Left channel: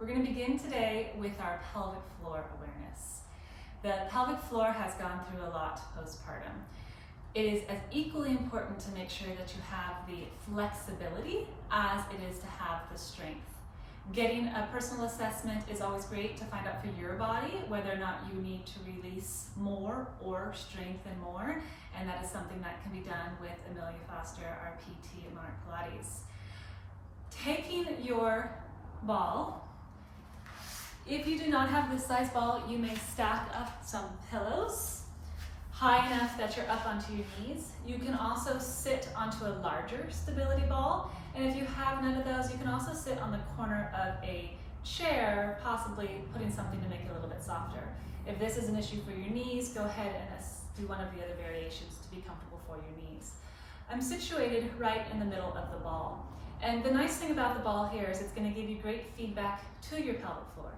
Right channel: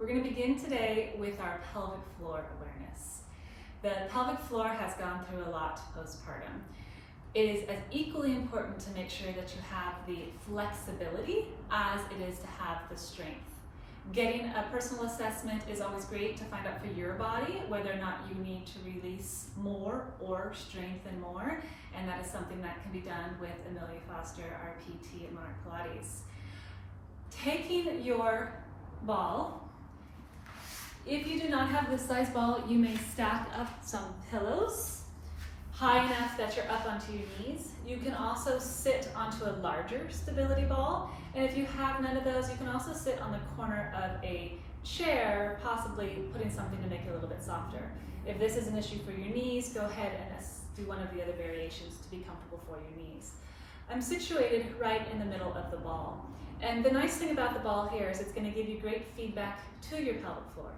We're going to begin today with our pelvic floor awareness. The pelvic floor has gone through a lot postpartum. It is as equally important to make sure that you have the flexibility as it is to have the strength. Getting a personal assessment is always great to find out for your body whether or not you need to release more or strengthen more, and that is something that can be done with Amelia Foster, our PT at Monarch Pilates. Taking your ball, if you do not have this size ball, you may stack up some pillows high enough that you're up onto your knees. You can also sit onto a larger stability ball, and if you have none of those, you can also sit on the corner of a chair, possibly putting something to make it a little bit softer. If this is an issue for your knees, go ahead and do one of the other variations to be comfortable for your knees. I'm situated right in the middle of the ball, and the nice thing about the ball here is it's going to give you great feedback to your pelvic floor.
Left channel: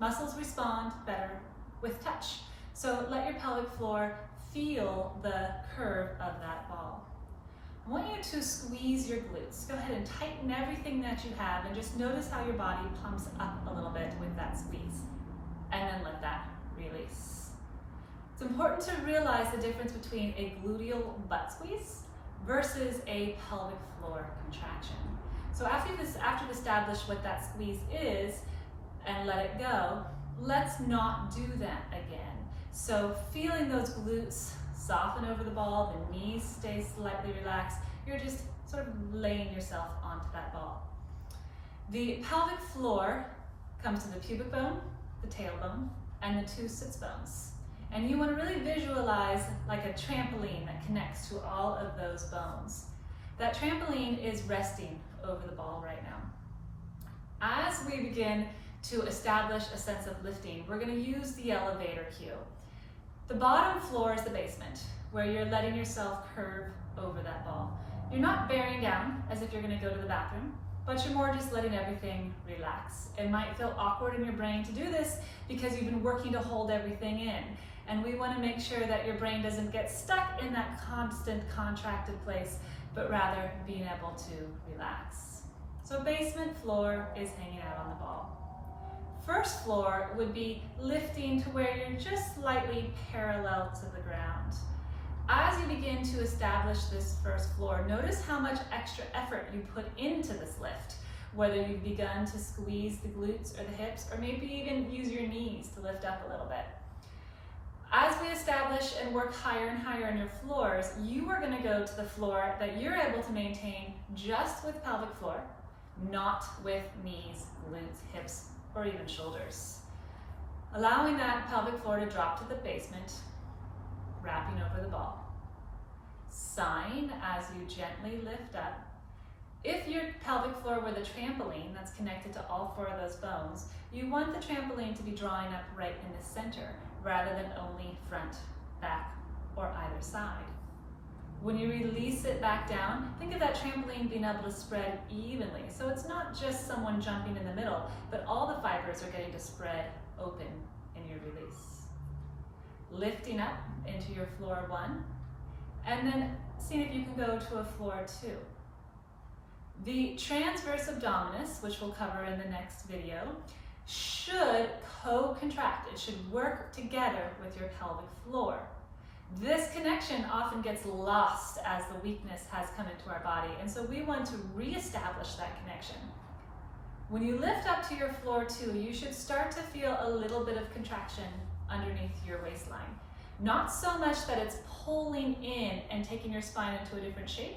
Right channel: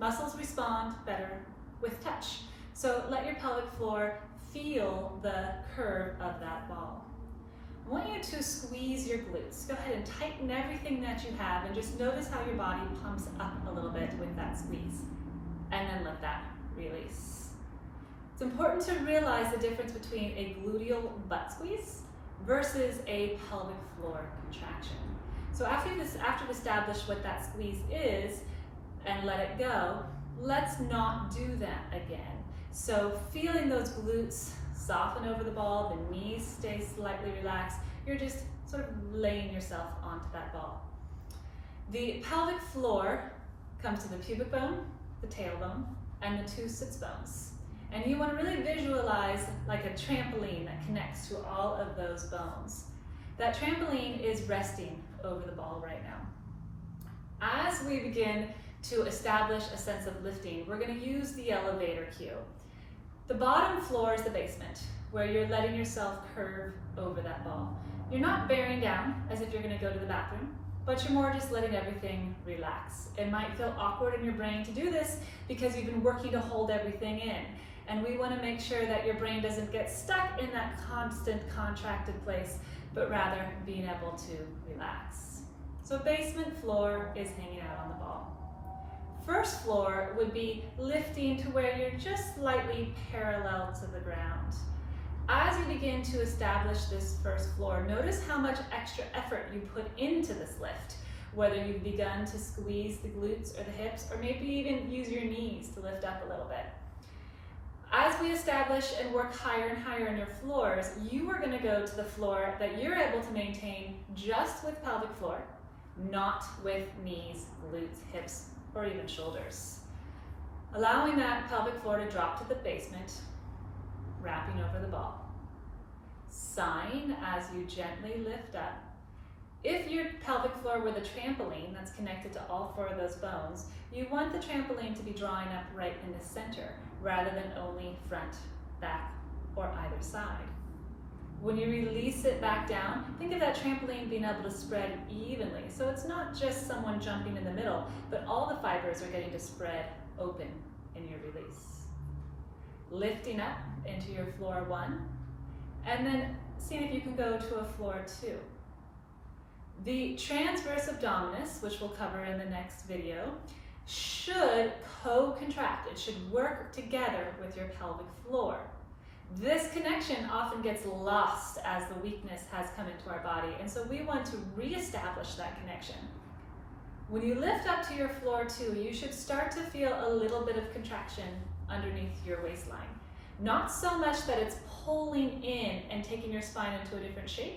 Muscles respond better with touch, so let your pelvic floor feel the curve of that ball. I want you to squeeze your glutes. Go ahead and tighten everything that you have and just notice how your body pumps up a little bit with that squeeze. And then let that release. It's important to realize the difference between a gluteal butt squeeze versus a pelvic floor contraction. So after you've established what that squeeze is and let it go, let's not do that again. So feeling those glutes soften over the ball, the knees stay slightly relaxed, you're just sort of laying yourself onto that ball. The pelvic floor comes to the pubic bone, the tailbone, and the two sits bones. And you want to really visualize like a trampoline that connects to all of those bones. That trampoline is resting over the ball right now. As we begin to establish a sense of lifting, we're going to use the elevator cue. The bottom floor is the basement, where you're letting yourself curve over that ball. You're not bearing down as if you're going to go to the bathroom, but you're more just letting everything relax. It might feel awkward in your brain to do this because you've been working to hold everything in. And we want to make sure that your brain doesn't get stuck in that constant contracted place, but rather being able to relax. So basement floor is hanging out on the ball. First floor would be lifting to where you're just slightly parallel to the ground. As you begin to establish this first floor, notice how much extra effort you put into this lift, whether you've begun to squeeze the glutes or the hips, or maybe even use your knees to lift up a little bit. As we establish and work higher and higher on your floors, you are going to go to the floor that you're able to maintain just with pelvic floor, not with knees, glutes, hips, or even shoulders. Allowing that pelvic floor to drop to the basement, wrapping over the ball. Sighing as you gently lift up. If your pelvic floor were the trampoline that's connected to all four of those bones, you want the trampoline to be drawing up right in the center, rather than only front, back, or either side. When you release it back down, think of that trampoline being able to spread evenly. So it's not just someone jumping in the middle, but all the fibers are getting to spread open in your release. Lifting up into your floor one, and then seeing if you can go to a floor two. The transverse abdominis, which we'll cover in the next video, should co-contract. It should work together with your pelvic floor. This connection often gets lost as the weakness has come into our body, and so we want to reestablish that connection. When you lift up to your floor two, you should start to feel a little bit of contraction underneath your waistline. Not so much that it's pulling in and taking your spine into a different shape,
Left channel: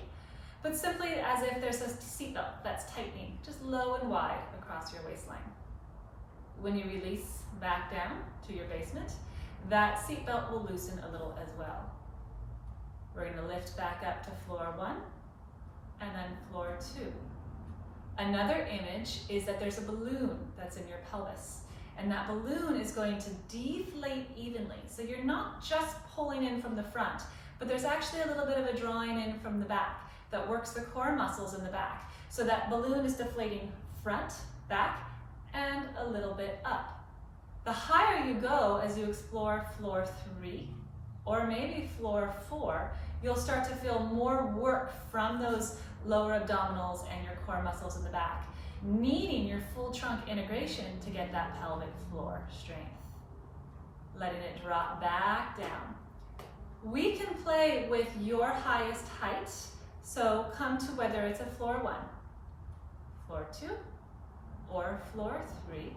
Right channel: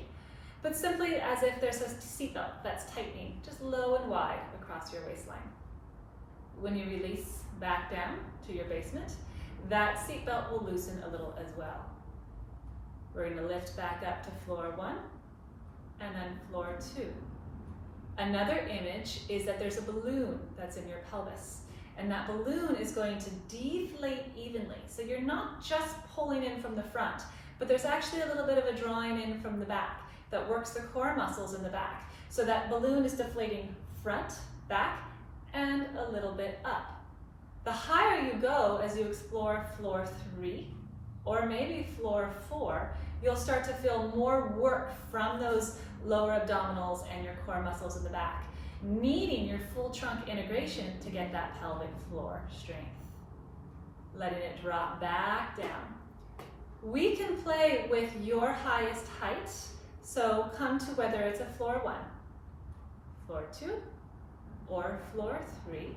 but simply as if there's a seatbelt that's tightening just low and wide across your waistline. When you release back down to your basement, that seatbelt will loosen a little as well. We're going to lift back up to floor one and then floor two. Another image is that there's a balloon that's in your pelvis, and that balloon is going to deflate evenly. So you're not just pulling in from the front, but there's actually a little bit of a drawing in from the back that works the core muscles in the back. So that balloon is deflating front, back, and a little bit up. The higher you go as you explore floor three, or maybe floor four, you'll start to feel more work from those lower abdominals and your core muscles in the back. needing your full trunk integration to get that pelvic floor strength. Letting it drop back down. We can play with your highest height, so come to whether it's a floor 1, floor 2, or floor 3.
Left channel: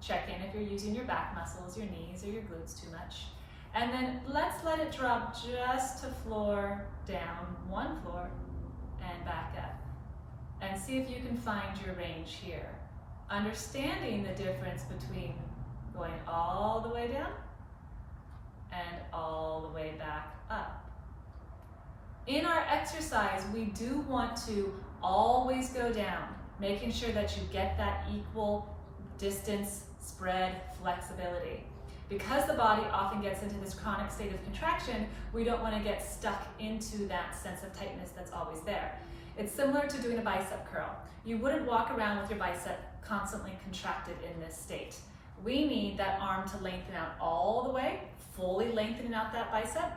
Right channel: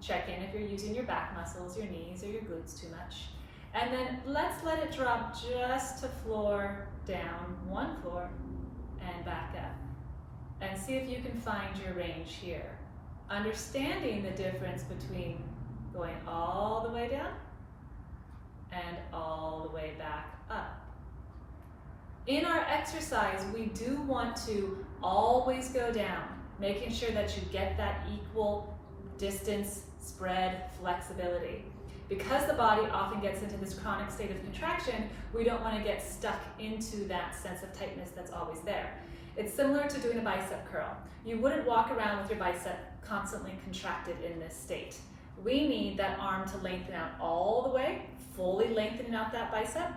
Check in if you're using your back muscles, your knees, or your glutes too much. And then let's let it drop just to floor down, 1 floor, and back up. And see if you can find your range here. Understanding the difference between going all the way down and all the way back up. In our exercise, we do want to always go down, making sure that you get that equal distance, spread, flexibility. Because the body often gets into this chronic state of contraction, we don't want to get stuck into that sense of tightness that's always there. It's similar to doing a bicep curl. You wouldn't walk around with your bicep constantly contracted in this state. We need that arm to lengthen out all the way, fully lengthening out that bicep,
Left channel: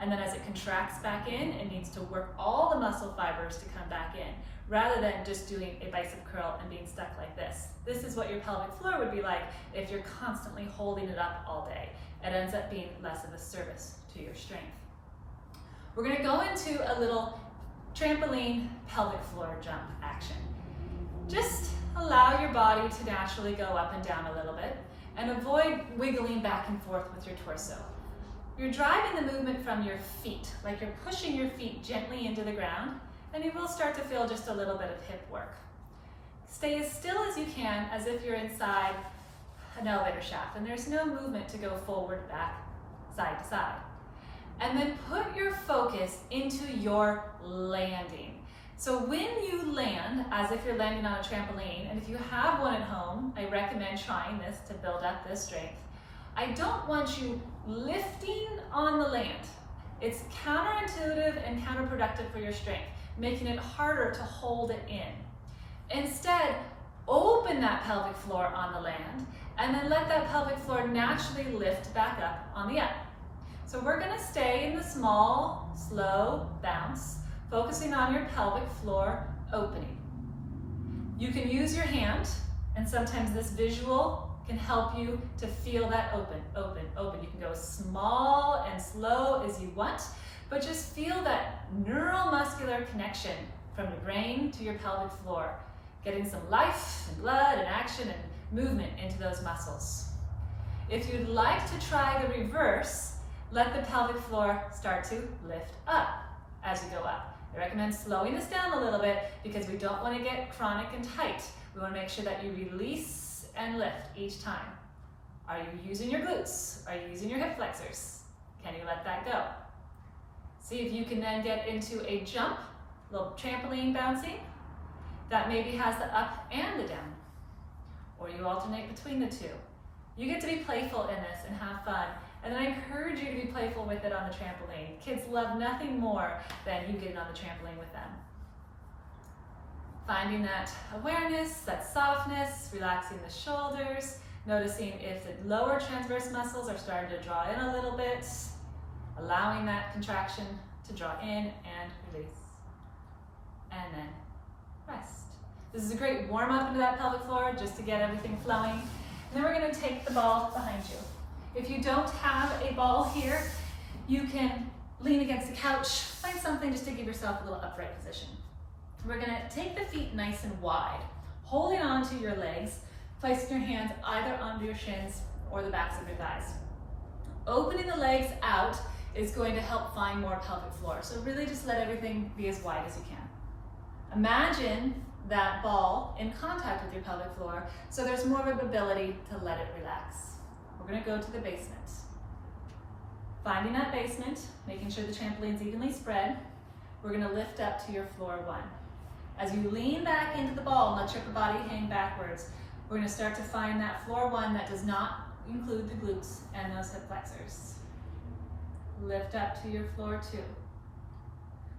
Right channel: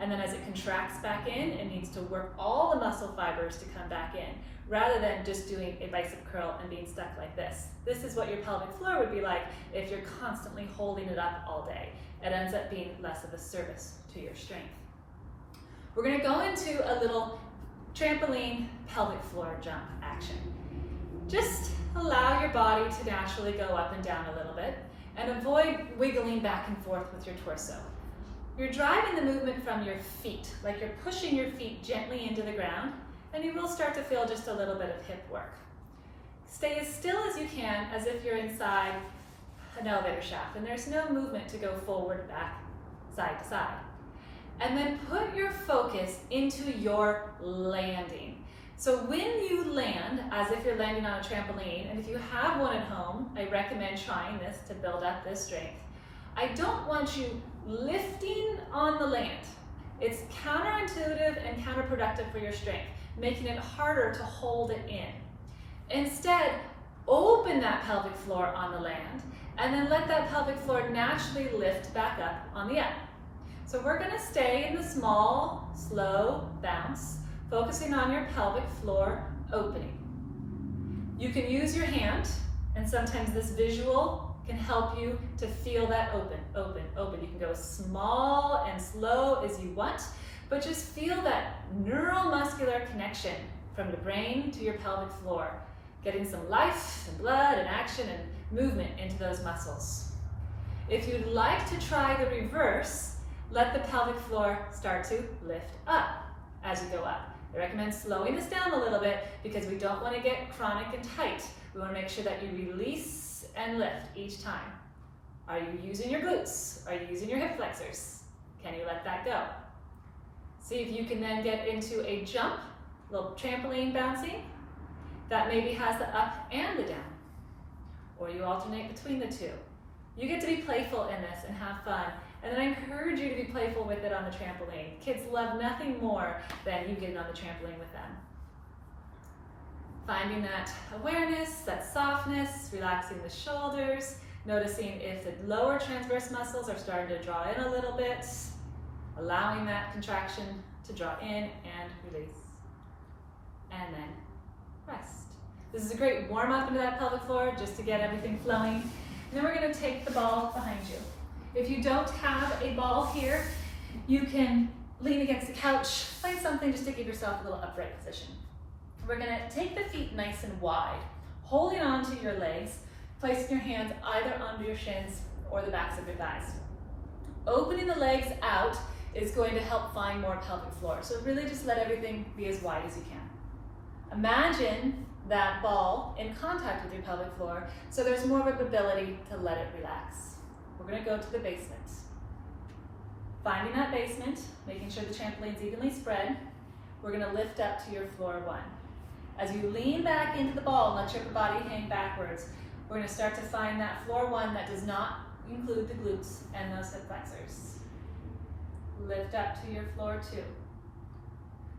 and then as it contracts back in, it needs to work all the muscle fibers to come back in, rather than just doing a bicep curl and being stuck like this. This is what your pelvic floor would be like if you're constantly holding it up all day. It ends up being less of a service to your strength. We're gonna go into a little trampoline pelvic floor jump action. Just allow your body to naturally go up and down a little bit and avoid wiggling back and forth with your torso. You're driving the movement from your feet, like you're pushing your feet gently into the ground, and you will start to feel just a little bit of hip work. Stay as still as you can, as if you're inside an elevator shaft and there's no movement to go forward, back, side to side. And then put your focus into your landing. So when you land, as if you're landing on a trampoline, and if you have one at home, I recommend trying this to build up this strength. I don't want you lifting on the land. It's counterintuitive and counterproductive for your strength, making it harder to hold it in. Instead, open that pelvic floor on the land, and then let that pelvic floor naturally lift back up on the up. So we're gonna stay in the small, slow bounce, focusing on your pelvic floor opening. You can use your hand, and sometimes this visual can help you to feel that open, open, open. You can go small and slow as you want, but just feel that neuromuscular connection from your brain to your pelvic floor, getting some life and blood and action and movement into those muscles. If you'd like to try the reverse, let the pelvic floor start to lift up as you go up. I recommend slowing this down a little bit because we don't want to get chronic and tight. We want to make sure that you release and lift each time. Are you using your glutes? Are you using your hip flexors? Can you let that go? See if you can then get into a jump, a little trampoline bouncing, that maybe has the up and the down. Or you alternate between the two. You get to be playful in this and have fun. And then I encourage you to be playful with it on the trampoline. Kids love nothing more than you getting on the trampoline with them. Finding that awareness, that softness, relaxing the shoulders, noticing if the lower transverse muscles are starting to draw in a little bit, allowing that contraction to draw in and release. And then rest. This is a great warm up into that pelvic floor just to get everything flowing. And then we're going to take the ball behind you. If you don't have a ball here, you can lean against the couch, find something just to give yourself a little upright position. We're going to take the feet nice and wide, holding on to your legs, placing your hands either under your shins or the backs of your thighs. Opening the legs out is going to help find more pelvic floor. So really just let everything be as wide as you can. Imagine that ball in contact with your pelvic floor, so there's more of an ability to let it relax. We're going to go to the basement. Finding that basement, making sure the trampoline's evenly spread, we're going to lift up to your floor one. As you lean back into the ball and let your upper body hang backwards, we're going to start to find that floor one that does not include the glutes and those hip flexors. Lift up to your floor two.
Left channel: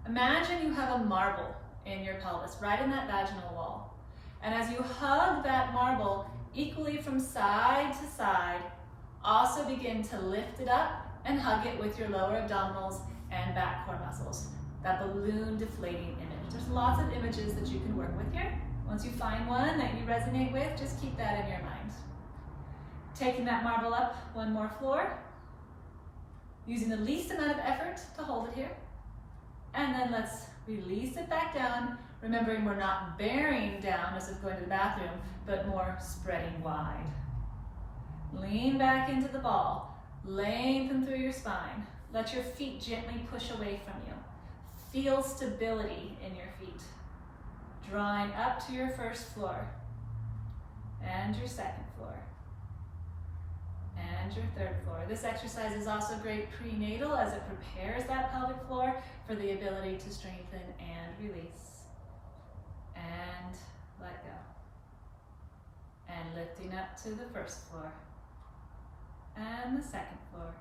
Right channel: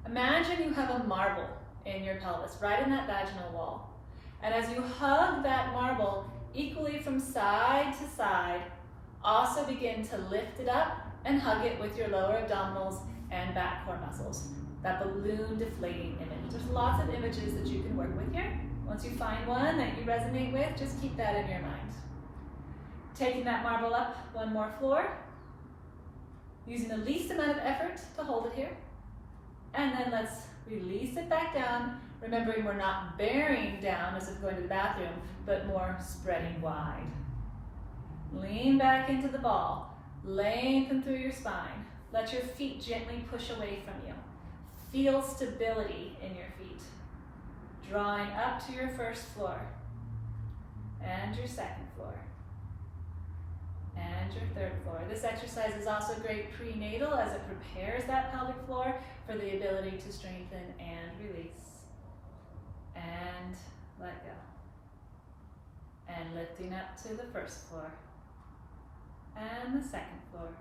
Imagine you have a marble in your pelvis, right in that vaginal wall. And as you hug that marble equally from side to side, also begin to lift it up and hug it with your lower abdominals and back core muscles. That balloon deflating image. There's lots of images that you can work with here, Once you find one that you resonate with, just keep that in your mind. Taking that marble up one more floor, using the least amount of effort to hold it here. And then let's release it back down, remembering we're not bearing down as if going to the bathroom, but more spreading wide. Lean back into the ball, lengthen through your spine. Let your feet gently push away from you. Feel stability in your feet. Drawing up to your first floor, and your second floor, and your third floor. This exercise is also great prenatal as it prepares that pelvic floor for the ability to strengthen and release. And let go. And lifting up to the first floor, and the second floor.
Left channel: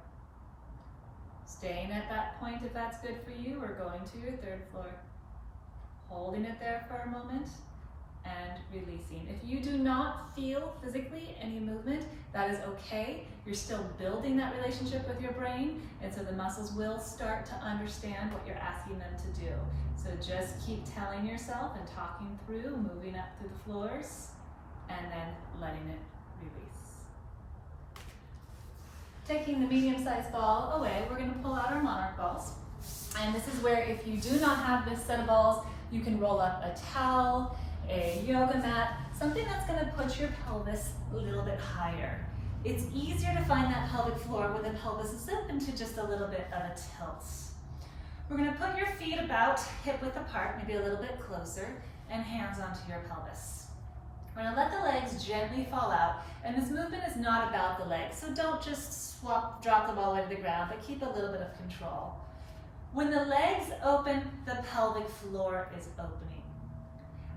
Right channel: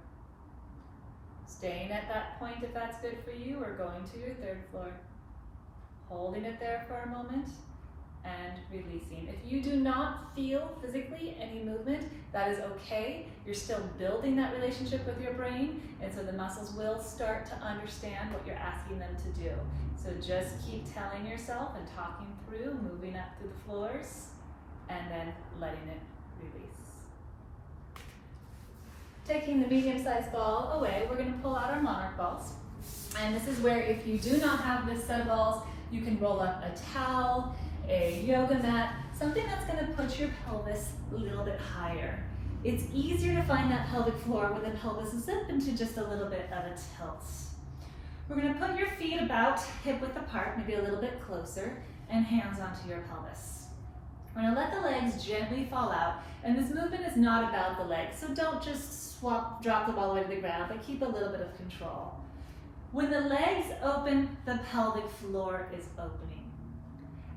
Staying at that point if that's good for you, or going to your third floor. Holding it there for a moment and releasing. If you do not feel physically any movement, that is okay. You're still building that relationship with your brain, and so the muscles will start to understand what you're asking them to do. So just keep telling yourself and talking through, moving up through the floors, and then letting it release. Taking the medium-sized ball away, we're going to pull out our monarch balls. And this is where, if you do not have this set of balls, you can roll up a towel, a yoga mat, something that's going to put your pelvis a little bit higher. It's easier to find that pelvic floor when the pelvis is up into just a little bit of a tilt. We're going to put your feet about hip width apart, maybe a little bit closer, and hands onto your pelvis. We're going to let the legs gently fall out, and this movement is not about the legs, so don't just drop them all the way to the ground, but keep a little bit of control. When the legs open, the pelvic floor is opening.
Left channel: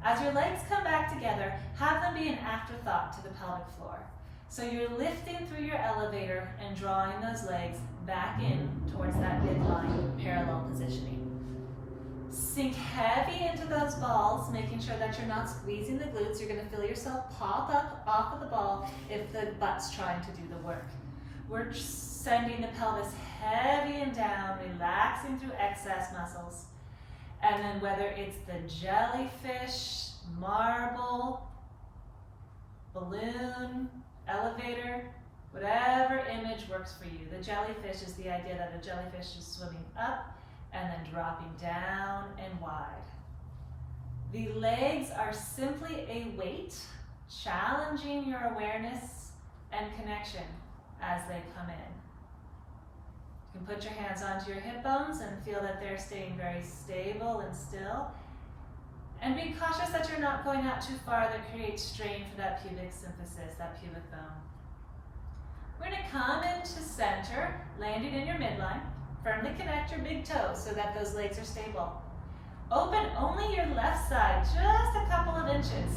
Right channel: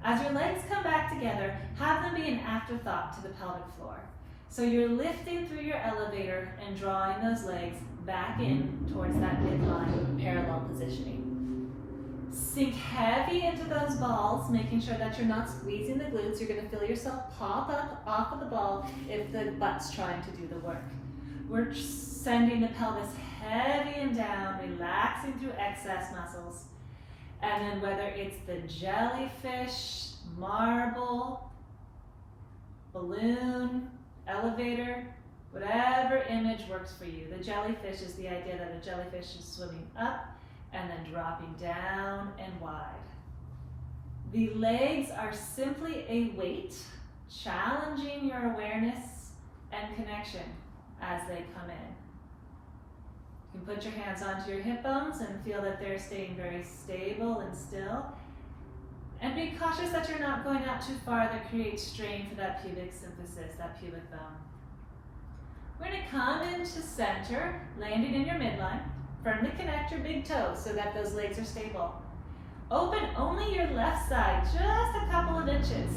As your legs come back together, have them be an afterthought to the pelvic floor. So you're lifting through your elevator and drawing those legs back in towards that midline parallel positioning. Sink heavy into those balls, making sure that you're not squeezing the glutes. You're going to feel yourself pop up off of the ball if the butt's trying to do the work. We're sending the pelvis heavy and down, relaxing through excess muscles. And then whether it's the jellyfish, marble, balloon, elevator, whatever image works for you. The jellyfish is the idea that a jellyfish is swimming up and then dropping down and wide. The legs are simply a weight, challenging your awareness and connection as they come in. You can put your hands onto your hip bones and feel that they're staying very stable and still. And be cautious that you're not going out too far that creates strain for that pubic symphysis, that pubic bone. We're going to come into center, landing in your midline. Firmly connect your big toes so that those legs are stable. Open only your left side, just a couple of inches.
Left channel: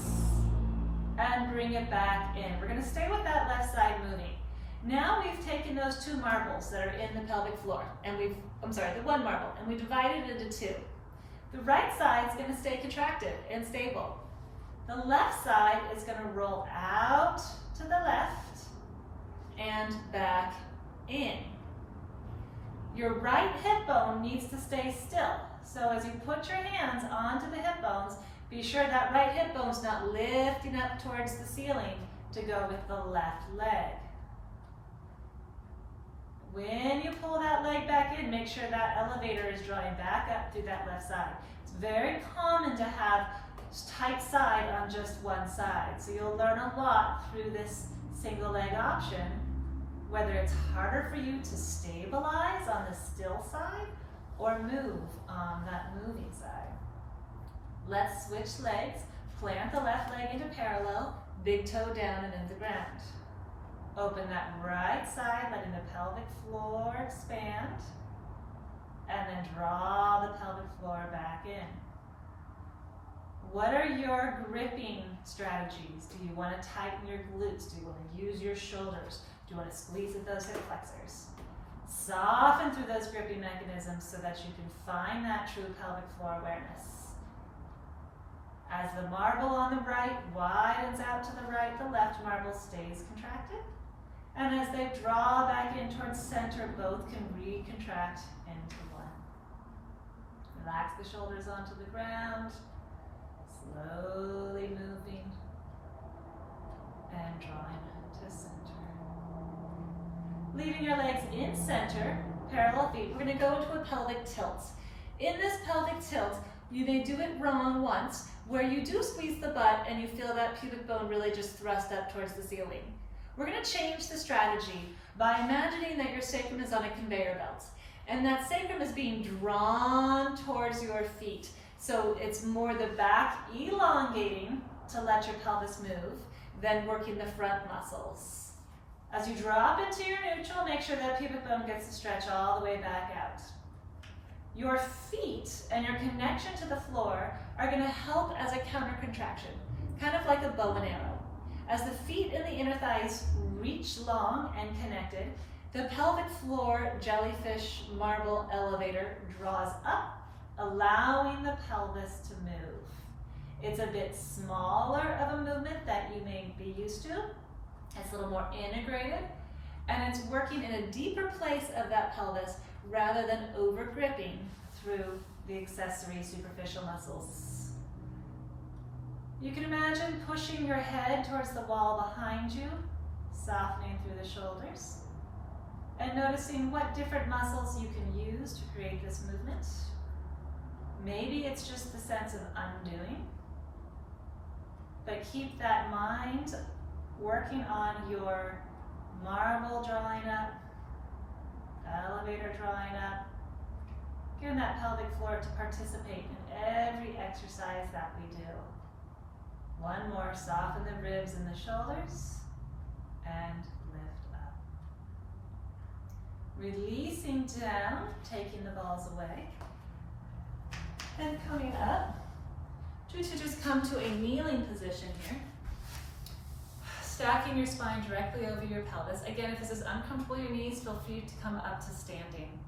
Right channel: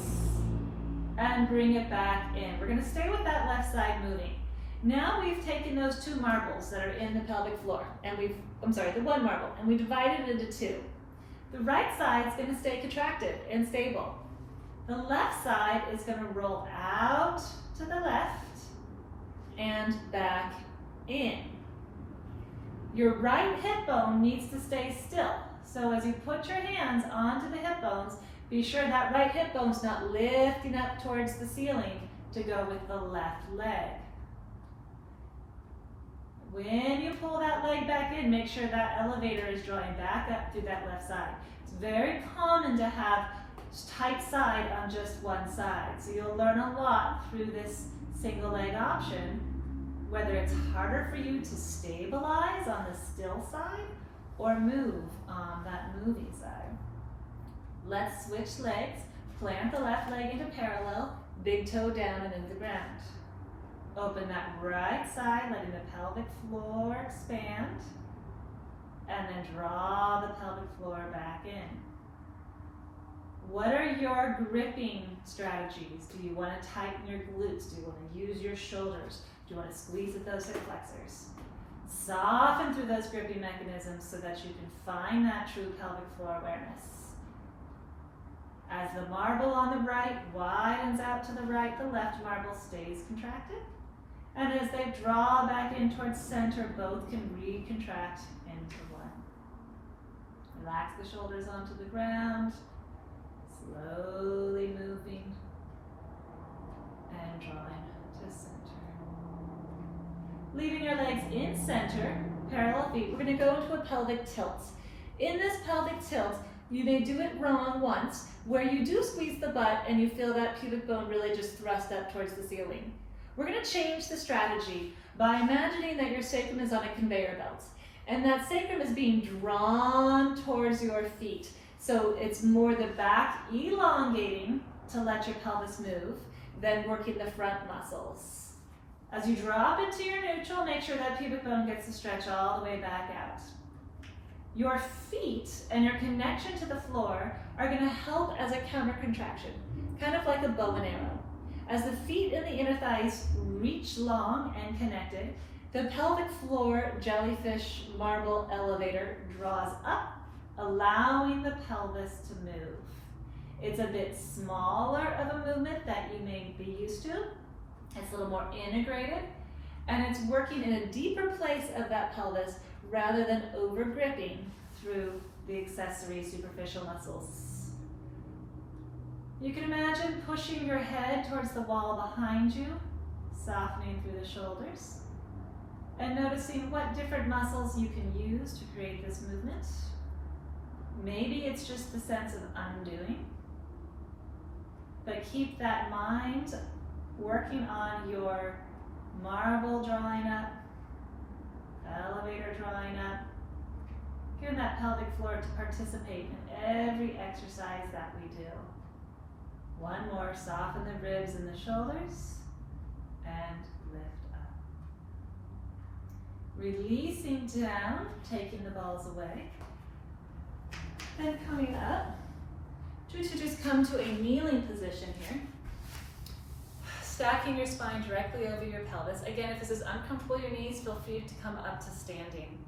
And bring it back in. We're going to stay with that left side moving. Now we've taken those two marbles that are in the pelvic floor, and the one marble, and we divided it into two. The right side is going to stay contracted and stable. The left side is going to roll out to the left and back in. Your right hip bone needs to stay still. So as you put your hands onto the hip bones, be sure that right hip bone's not lifting up towards the ceiling to go with the left leg. When you pull that leg back in, make sure that elevator is drawing back up through that left side. It's very common to have tight side on just one side. So you'll learn a lot through this single leg option, whether it's harder for you to stabilize on the still side or move on that moving side. Let's switch legs. Plant the left leg into parallel, big toe down and into the ground. Open that right side, letting the pelvic floor expand, and then draw the pelvic floor back in. What are your gripping strategies? Do you want to tighten your glutes? Do you want to use your shoulders? Do you want to squeeze at those hip flexors? Soften through those gripping mechanisms so that you can find that true pelvic floor awareness. As the marble on the right widens out to the right, the left marble stays contracted. And as they draw back in towards center, both can recontract into one. Relax the shoulders onto the ground. Slowly moving and drawing to center. Leaving your legs in center, parallel feet. We're going to go into a pelvic tilt. In this pelvic tilt, you may do it wrong once, where you do squeeze the butt and you feel that pubic bone really just thrust up towards the ceiling. We're going to change the strategy by imagining that your sacrum is on a conveyor belt, and that sacrum is being drawn towards your feet. So it's more the back elongating to let your pelvis move than working the front muscles. As you drop into your neutral, make sure that pubic bone gets to stretch all the way back out. Your feet and your connection to the floor are going to help as a counter contraction, kind of like a bow and arrow. As the feet and the inner thighs reach long and connected, the pelvic floor jellyfish marble elevator draws up, allowing the pelvis to move. It's a bit smaller of a movement that you may be used to. It's a little more integrated, and it's working in a deeper place of that pelvis rather than over gripping through the accessory superficial muscles. You can imagine pushing your head towards the wall behind you, softening through the shoulders, and noticing what different muscles you can use to create this movement. Maybe it's just the sense of undoing, but keep that mind working on your marble drawing up, elevator drawing up, giving that pelvic floor to participate in every exercise that we do. One more, soften the ribs and the shoulders, and lift up. Releasing down, taking the balls away, and coming up. Try to just come to a kneeling position here. Stacking your spine directly over your pelvis. Again, if this is uncomfortable, your knees, feel free to come up to standing.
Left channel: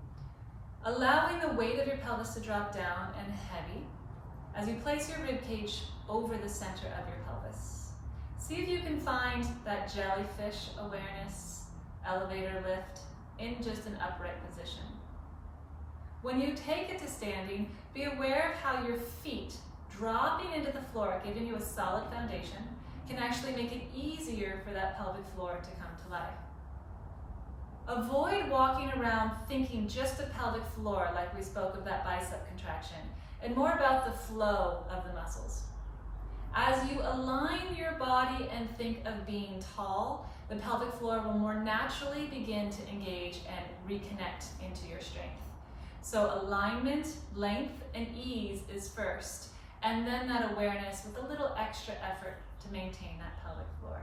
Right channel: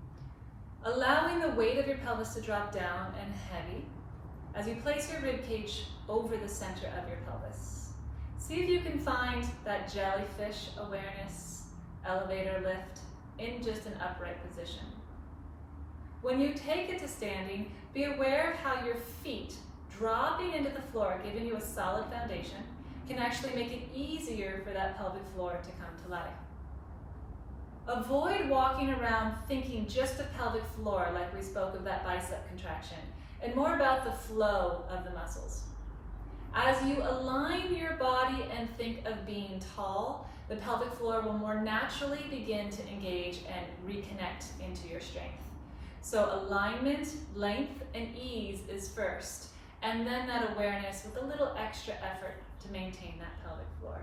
Allowing the weight of your pelvis to drop down and heavy as you place your rib cage over the center of your pelvis. See if you can find that jellyfish awareness, elevator lift in just an upright position. When you take it to standing, be aware of how your feet dropping into the floor, giving you a solid foundation, can actually make it easier for that pelvic floor to come to life. Avoid walking around thinking just the pelvic floor, like we spoke of that bicep contraction, and more about the flow of the muscles. As you align your body and think of being tall, the pelvic floor will more naturally begin to engage and reconnect into your strength. So alignment, length, and ease is first, and then that awareness with a little extra effort to maintain that pelvic floor.